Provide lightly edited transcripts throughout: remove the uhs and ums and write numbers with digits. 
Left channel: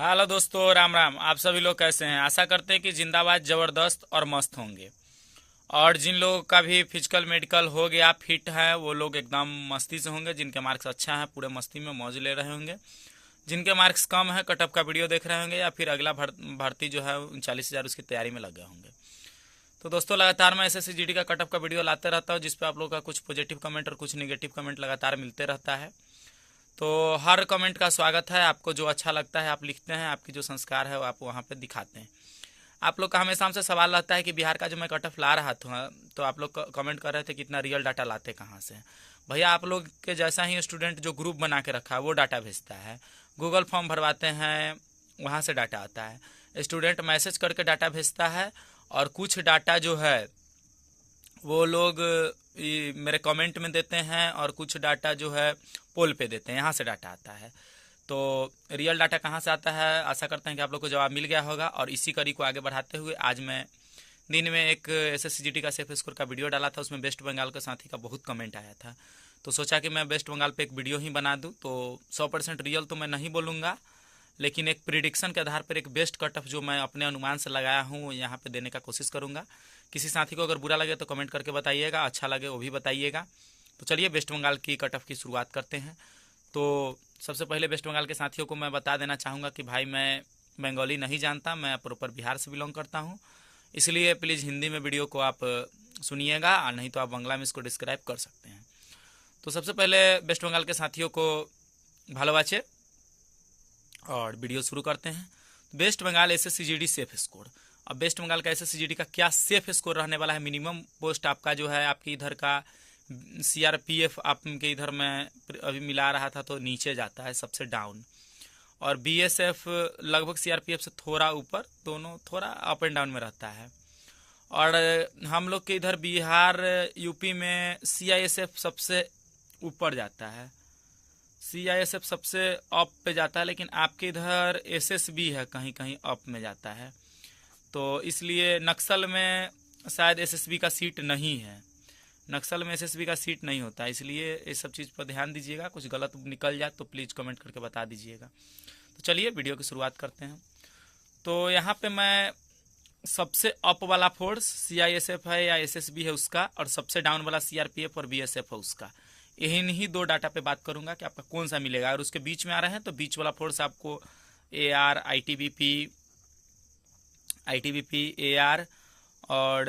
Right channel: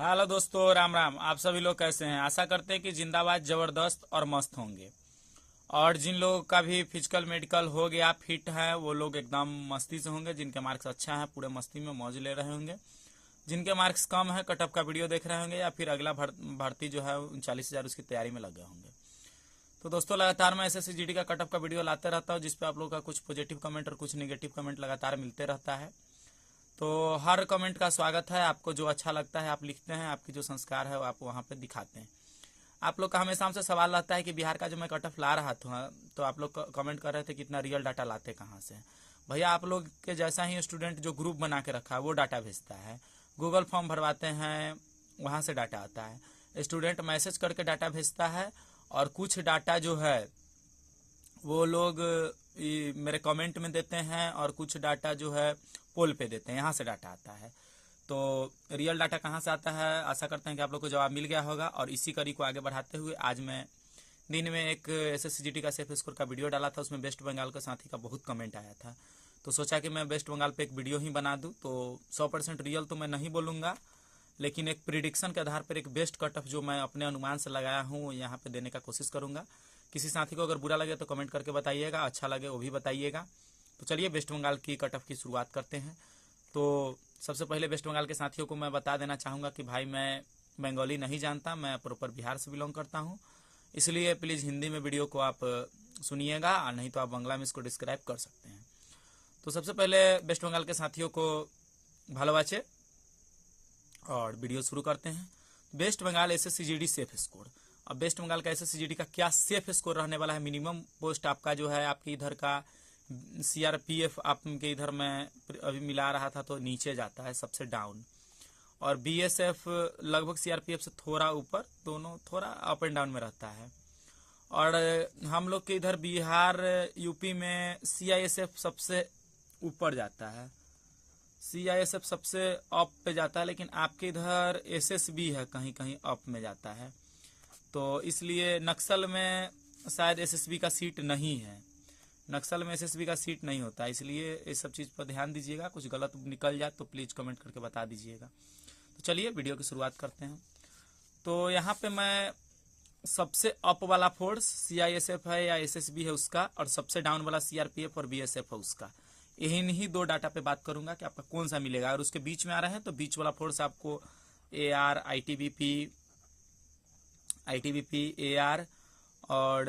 Hello दोस्तों, राम राम। आप सभी लोग कैसे हैं? आशा करते हैं कि जिंदाबाद, जबरदस्त और मस्त होंगे। और जिन लोगों का भी फिजिकल मेडिकल हो गया, फिट है, वो लोग एकदम मस्ती से होंगे। जिनके मार्क्स अच्छा है, पूरे मस्ती में मौज ले रहे होंगे। जिनके मार्क्स कम है, कटअप का वीडियो देख रहे होंगे, या फिर अगला भर्ती जो है 39,000 उसकी तैयारी में लगे होंगे। तो दोस्तों, लगातार मैं एसएससी जीडी का कटअप का वीडियो लाते रहता हूँ, जिसपे आप लोगों का कुछ पॉजिटिव कमेंट और कुछ निगेटिव कमेंट लगातार मिलते रहता है। तो हर कमेंट का स्वागत है। आपको जो अच्छा लगता है आप लिखते हैं, आपकी जो संस्कार है वो आप वहाँ पे दिखाते हैं। आप लोग का हमेशा हमसे सवाल रहता है कि बिहार का जो मैं कट ऑफ ला रहा था, तो आप लोग कमेंट कर रहे थे कि इतना रियल डाटा लाते कहाँ से हैं। भैया, आप लोग के जैसा ही स्टूडेंट जो ग्रुप बना के रखा है वो डाटा भेजता है। गूगल फॉर्म भरवाते हैं, वहाँ से डाटा आता है। स्टूडेंट मैसेज करके डाटा भेजता है, और कुछ डाटा जो है वो लोग मेरे कमेंट में देते हैं, और कुछ डाटा जो है पोल पे देते हैं। यहाँ से डाटा आता है। तो रियल डाटा कहाँ से आता है, आशा करते हैं कि आप लोग को जवाब मिल गया होगा। और इसी कड़ी को आगे बढ़ाते हुए आज मैं दिन में एक एसएससीजीडी का सेफ स्कोर का वीडियो डाला था। उसमें वेस्ट बंगाल के साथी का बहुत कमेंट आया था, तो सोचा कि मैं वेस्ट बंगाल पे एक वीडियो ही बना दूँ। तो 100% रियल तो मैं नहीं बोलूँगा, लेकिन एक प्रिडिक्शन के आधार पर एक बेस्ट कट ऑफ जो मैं अपने अनुमान से लगाया हूँ यहाँ पे देने का कोशिश करूँगा। किसी साथी को अगर बुरा लगे तो कमेंट करके बताइएगा, अच्छा लगे वो भी बताइएगा। तो चलिए वेस्ट बंगाल की कट ऑफ की शुरुआत करते हैं। तो सबसे पहले वेस्ट बंगाल के साथियों को मैं बता देना चाहूँगा कि भाई, मैं बंगाली नहीं जानता, मैं प्रॉपर बिहार से बिलोंग करता हूँ। इसलिए प्लीज़ हिंदी में वीडियो को आप सुनिएगा, और नहीं तो आप बांग्ला में इसको डिस्क्राइब कर सकते हैं। तो सबसे पहले वेस्ट बंगाल के साथियों को भालोबाचे और वीडियो शुरू करते हैं। West Bengal SSC GD safe score. अब वेस्ट बंगाल का एसएससीजीडी का क्या सेफ स्कोर रहने वाला है? मिनिमम पोस्ट आपका जो है, आपके इधर का सीआरपीएफ आपके इधर में अभी मिला रहा था तो नीचे जाता है, सबसे डाउन। और बीएसएफ लगभग सीआरपीएफ से थोड़ा ऊपर, दोनों थोड़ा अप एंड डाउन में रहता है। और हम लोग के इधर बिहार यूपी में सीआईएसएफ सबसे ऊपर जाता है, सीआईएसएफ सबसे अप पे जाता है। लेकिन आपके इधर एसएसबी है, कहीं कहीं अप में जाता है। तो इसलिए नक्सल में शायद एसएसबी का सीट नहीं है, नक्सल में एसएसबी का सीट नहीं होता। इसलिए इस सब चीज़ पर ध्यान दीजिएगा, कुछ गलत निकल जाए तो प्लीज़ कमेंट करके बता दीजिएगा। तो चलिए वीडियो की शुरुआत करते हैं। तो यहाँ पे मैं सबसे अप वाला फोर्स सीआईएसएफ है या एसएसबी है उसका, और सबसे डाउन वाला सीआरपीएफ और बीएसएफ है उसका, इन्हीं दो डाटा पे बात करूंगा कि आपका कौन सा मिलेगा। अगर उसके बीच में आ रहे हैं तो बीच वाला फोर्स आपको एआर, आईटीबीपी, एआर और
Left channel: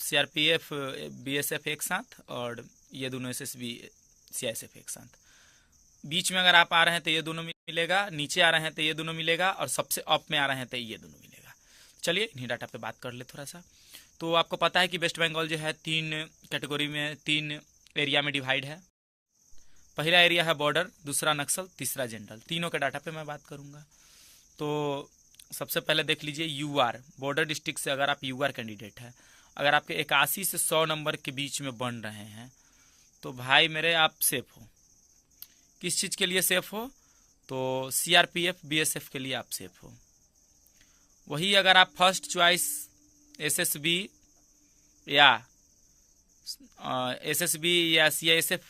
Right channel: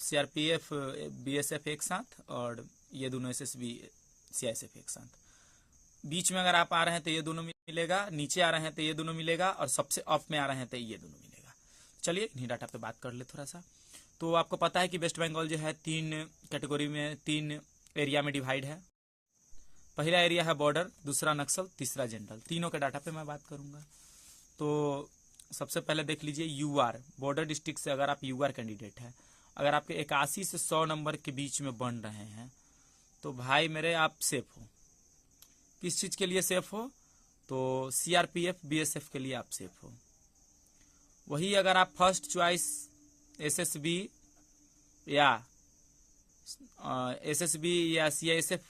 सीआरपीएफ, बीएसएफ एक साथ, और ये दोनों एसएसबी, सीआईएसएफ एक साथ। बीच में अगर आप आ रहे हैं तो ये दोनों मिलेगा, नीचे आ रहे हैं तो ये दोनों मिलेगा, और सबसे अप में आ रहे हैं तो ये दोनों मिलेगा। चलिए इन्हीं डाटा पे बात कर ले थोड़ा सा। तो आपको पता है कि वेस्ट बंगाल जो है 3 कैटेगरी में, 3 एरिया में डिवाइड है। पहला एरिया है बॉर्डर, दूसरा नक्सल, तीसरा जनरल। तीनों के डाटा पे मैं बात करूंगा। तो सबसे पहले देख लीजिए यूआर, बॉर्डर डिस्ट्रिक्ट से अगर आप यूआर कैंडिडेट है, अगर आपके 81 से 100 नंबर के बीच में बन रहे हैं, तो भाई मेरे आप सेफ हो। किस चीज़ के लिए सेफ हो? तो सीआरपीएफ, बीएसएफ के लिए आप सेफ हो। वही अगर आप फर्स्ट चॉइस एसएसबी या सीआईएसएफ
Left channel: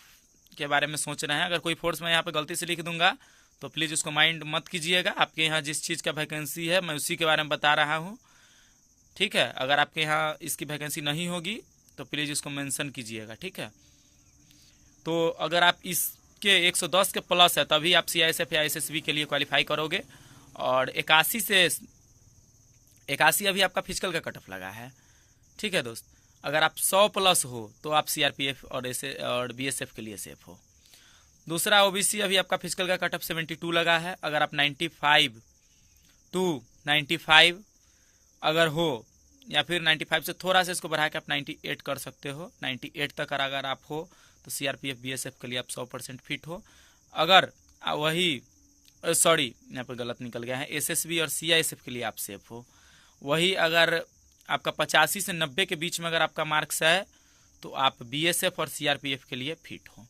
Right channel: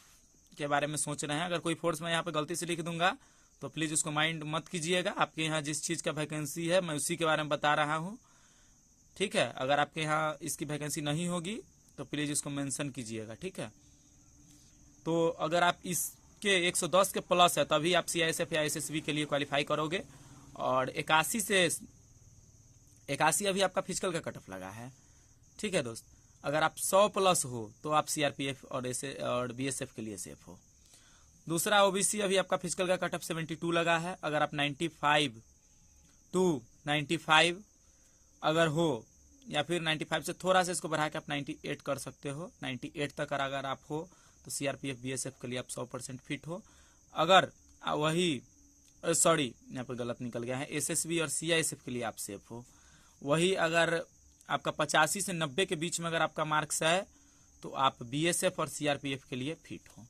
के बारे में सोच रहे हैं, अगर कोई फोर्स मैं यहाँ पे गलती से लिख दूंगा तो प्लीज़ उसको माइंड मत कीजिएगा। आपके यहाँ जिस चीज़ का वैकेंसी है मैं उसी के बारे में बता रहा हूँ, ठीक है। अगर आपके यहाँ इसकी वैकेंसी नहीं होगी तो प्लीज़ इसको मेंशन कीजिएगा, ठीक है। तो अगर आप इसके 110 के प्लस है तभी आप सीआईएसएफ या एसएसबी के लिए क्वालिफाई करोगे। और 81 अभी आपका फिजिकल का कट ऑफ लगा है, ठीक है दोस्त। अगर आप 100 प्लस हो तो आप सीआरपीएफ और बीएसएफ के लिए सेफ हो। दूसरा ओबीसी, अभी आपका फिजिकल का कट ऑफ 72 लगा है। अगर आप 95 टू 95 अगर हो, या फिर 95 से थोड़ा सा इसको बढ़ा के आप 98 कर सकते हो, 98 तक अगर आप हो तो सीआरपीएफ, बीएसएफ के लिए आप 100% फिट हो। अगर वही सॉरी, यहाँ पर गलत निकल गया है, एसएसबी और सीआईएसएफ के लिए आप सेफ हो। वही अगर आपका 85 से 90 के बीच में अगर आपका मार्क्स है तो आप बीएसएफ और सीआरपीएफ के लिए फिट हो।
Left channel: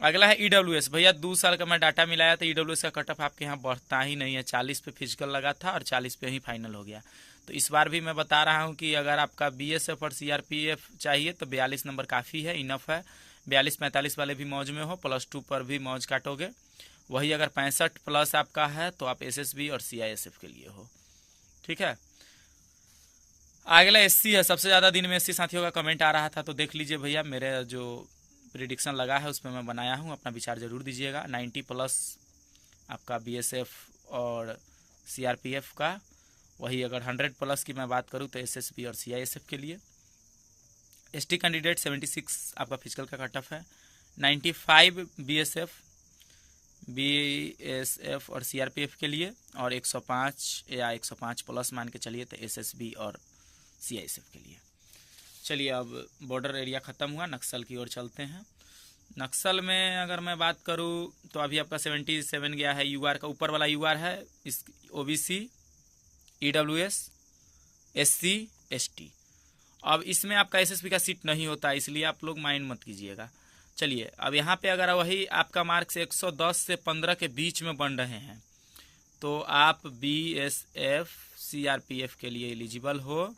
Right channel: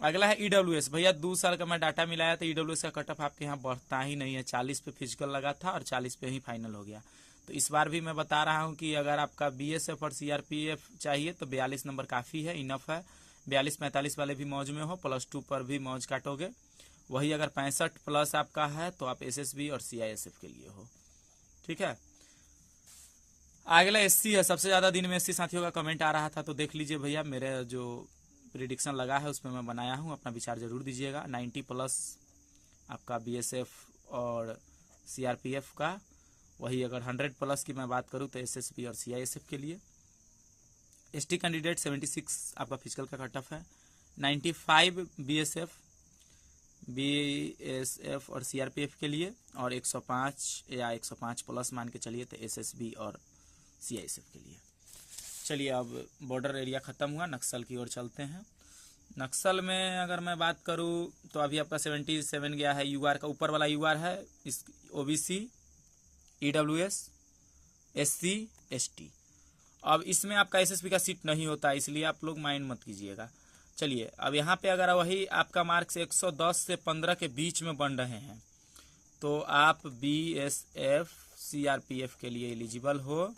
अगला है ईडब्ल्यूएस। भैया 2 साल का मैं डाटा मिलाया तो ईडब्ल्यूएस का कट ऑफ आपके यहाँ बढ़ता ही नहीं है। 40 पे फिजिकल लगा था और 40 पे ही फाइनल हो गया। तो इस बार भी मैं बता रहा हूँ कि अगर आपका बीएसएफ और सीआरपीएफ चाहिए तो 42 नंबर काफ़ी है, इनफ है। 42-45 वाले भी मौज में हो, +2 पर भी मौज काटोगे। वही अगर 65+ आपका है तो आप एसएसबी और सीआईएसएफ के लिए हो। ठीक है, अगला एससी है। सबसे ज़्यादा दिन में एससी साथियों का कमेंट आ रहा था, तो देख लीजिए भैया, मेरे जो प्रिडिक्शन लगा है उसमें मैं बनाया हूँ, अपना विचार जरूर दीजिएगा। 90+ आपका बीएसएफ और सीआरपीएफ का। वही अगर 100+ की मैं बात करूँ तो एसएसबी और सीआईएसएफ के लिए। एसटी कैंडिडेट 76 आपका फिजिकल का कट ऑफ है। 95 बीएसएफ और सीआरपीएफ के लिए, और 105 या 105+ मान के चलिए तो एसएसबी और सीआईएसएफ के लिए। चलिए, अब बॉर्डर एरिया ख़त्म हुआ, नक्सल की ओर चलते हैं। नक्सल में अगर मैं बात करूं तो अभी आपका 77 गया है। यूआर का ऊपर वाला यूआर है, इस ओबीसी, ईडब्ल्यूएस, एससी, एसटी। अब इसमें आपका एसएसबी का सीट नहीं होता, इसलिए आप लोग माइंड मत कीजिएगा। चलिए, अब यहाँ पे अगर वही आपका मार्क्स 110 से 15 के बीच में बन रहे हैं तो आप बीएसएफ सीआरपीएफ के लिए एलिजिबल हो।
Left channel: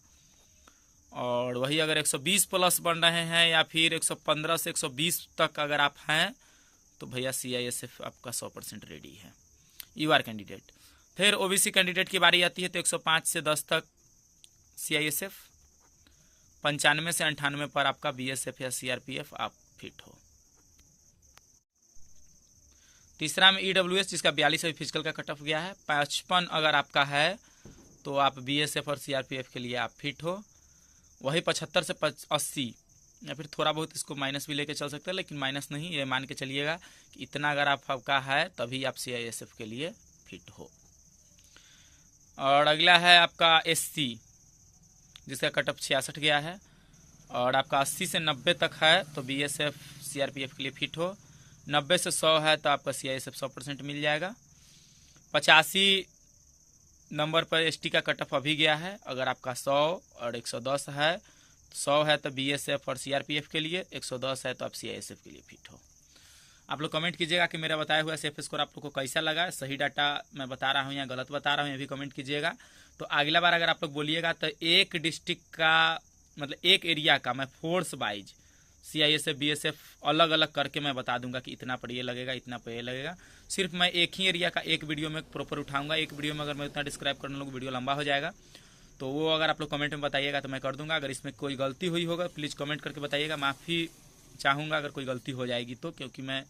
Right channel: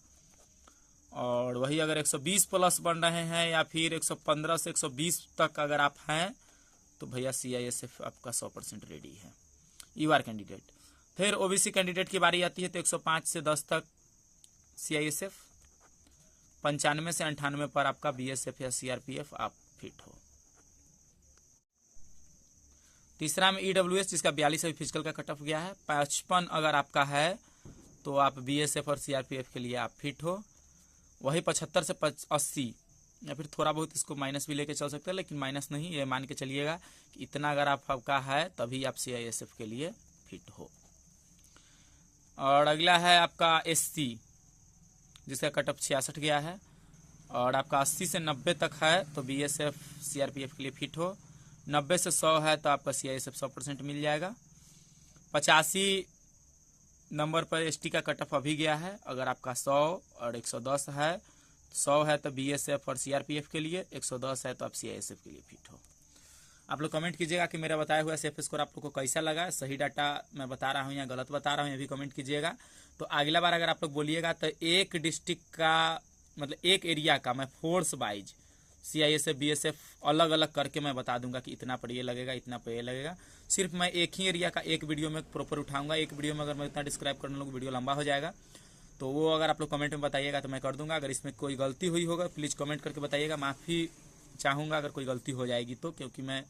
और वही अगर 120+ बन रहे हैं या फिर 115 से 120 तक अगर आप हैं तो भैया सीआईएसएफ आपका 100% रेडी है, यूआर कैंडिडेट। फिर ओबीसी कैंडिडेट की बारी आती है तो 105 से 10 तक सीआईएसएफ, 95 से 98 पर आपका बीएसएफ या सीआरपीएफ आप फिट हो। तीसरा में ईडब्ल्यूएस, जिसका 42 अभी फिजिकल का कट ऑफ गया है। 55 अगर आपका है तो आप बीएसएफ और सीआरपीएफ के लिए आप फिट हो। वही 75 से 80 या फिर थोड़ा बहुत इसको माइनस भी लेके चल सकते हैं, लेकिन माइनस नहीं, ये मान के चलिएगा कि इतना अगर आपका है तभी आप सीआईएसएफ के लिए फिट हो। और अगला है आपका एससी, जिसका कट ऑफ 66 गया है, और आपका 80 से 90 तक है तो बीएसएफ सीआरपीएफ के लिए फिट हो। 90 से 100 है तो आपका सीआईएसएफ 100% मिल जाएगा। 85 नंबर पर एसटी का कट ऑफ अभी गया है। अगर आपका 100 और 110 है, 100 है तो बीएसएफ और सीआरपीएफ के लिए, 110 है तो आप सीआईएसएफ के लिए फिट हो। आप लोग कमेंट कीजिएगा कि मेरा बताया हुआ सेफ स्कोर आप लोग को कैसा लगा, सही डाटा मैं बता रहा हूँ या गलत बता रहा हूँ, ये भी कमेंट कीजिएगा। तो अगला बार अगर आप लोग बोलिएगा तो एक डिस्ट्रिक्ट का, मतलब एक एरिया का मैं फोर्स वाइज सीआईएसएफ बीएसएफ अलग अलग करके मैं बता दूंगा कि इतना पर ये लगेगा, इतना पर ये लगेगा। सिर्फ मैं एक ही एरिया का एक वीडियो में प्रॉपर उठाऊंगा। एक वीडियो में अगर मैं इतना डिस्क्राइब करने लगूँ वीडियो लंबा हो जाएगा, तो वो अगर आप लोग कमेंट में बताइएगा तो मैं कर दूंगा। अगर इसमें कोई गलती हुई होगा प्लीज़ कमेंट करके बताइएगा, माफ़ी चाहूँगा अगर कोई गलती हो जाएगी तो, क्योंकि मैं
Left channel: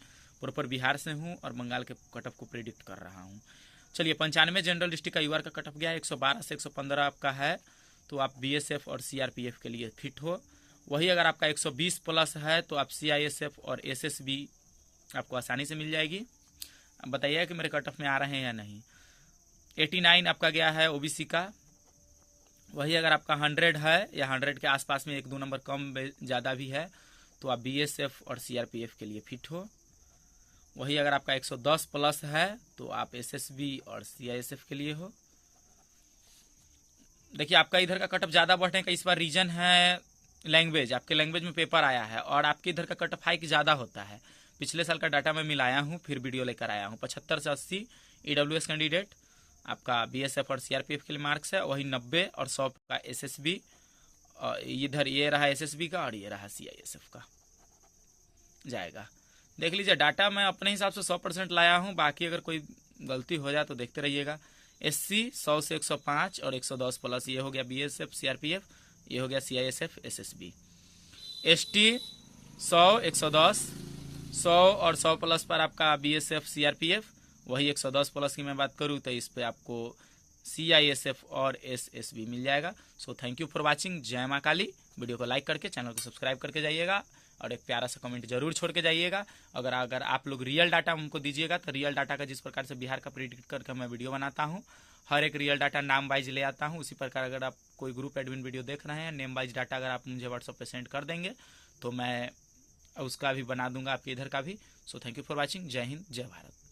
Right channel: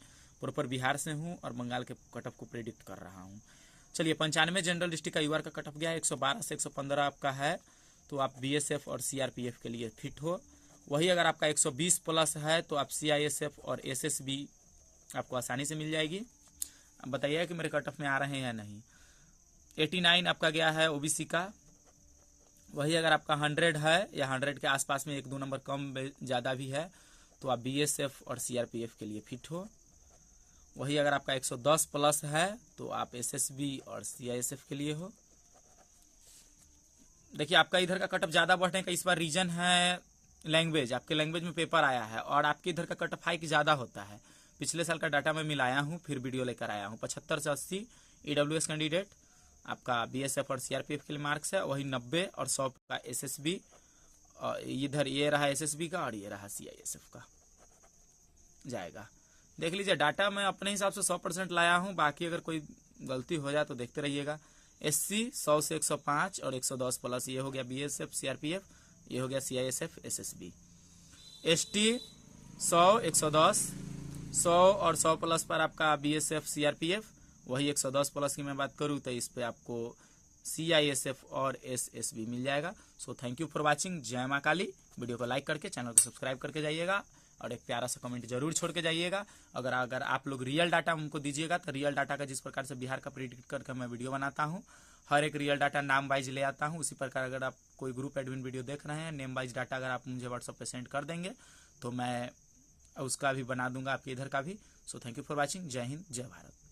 प्रॉपर बिहार से हूँ और बंगाल के कट ऑफ को प्रेडिक्ट कर रहा हूँ। चलिए, 95 जनरल डिस्ट्रिक्ट का यूआर का कट ऑफ गया है। 112 से 115 आपका है तो आप बीएसएफ और सीआरपीएफ के लिए फिट हो। वही अगर आपका 120+ है तो आप सीआईएसएफ और एसएसबी आपको आसानी से मिल जाएगी। अब बताइएगा कि मेरे कट ऑफ में आ रहे हैं या नहीं। 89 आपका गया है ओबीसी का। वही अगर आपका 100 है या 100 के आसपास में 1-2 नंबर कम ज़्यादा भी है तो आप बीएसएफ और सीआरपीएफ के लिए फिट हो। वही अगर आपका 110+ है तो आप एसएसबी और सीआईएसएफ के लिए हो। देखिए, आपका इधर का कट ऑफ ज़्यादा बढ़ने का इस बार रीजन है लैंग्वेज। आपके लैंग्वेज में पेपर आया है और आपके इधर का कट ऑफ हाइक ज़्यादा होता है। पिछले साल का डाटा मैं मिलाया हूँ, फिर वीडियो लेकर आया हूँ। 75 से 80 ईडब्ल्यूएस कैंडिडेट आपका बीएसएफ और सीआरपीएफ के लिए मार्क्स है। वही 90 और 100 का एसएसबी, इधर ये रहा एसएसबी का और ये रहा सीआईएसएफ का जाएगा। देख लीजिए, डाटा मैं अपने हिसाब से 100% लाया हूँ, बाकी अगर कोई गलती हो जाए तो देखते रहिएगा। एससी 100 से 105 और 110+, ये हो गया बीएसएफ सीआरपीएफ, ये हो गया सीआईएसएफ एसएसबी। एसटी 100, 110, 100 और 100+ पर आपका बीएसएफ सीआरपीएफ। वही 110+ की मैं बात करूँ तो इस पर आपको सीआईएसएफ और एसएसबी मिल जाएगा। So thank you for watching. जय माँ काली। वीडियो को लाइक करके चैनल को सब्सक्राइब करके जाइएगा और एक प्यारा सा कमेंट जरूर छोड़ के जाइएगा। अगर आप लोग रियल डाटा हमको दीजिएगा तो रियल डाटा का जिस प्रकार से बिहार का प्रेडिक्ट करके मैं वीडियो बनाता हूँ, हर एक रियल डाटा नाम वाइज ले आता हूँ। उसी प्रकार अगर आप कोई ग्रुप एडमिन वीडियो देख रहे हैं, नेम वाइज डाटा अगर आप मुझे व्हाट्सएप पे सेंड कर देंगे तो मैं उसका भी बना दूंगा, आपके इधर का भी। So thank you for watching. जय हिंद, जय भारत।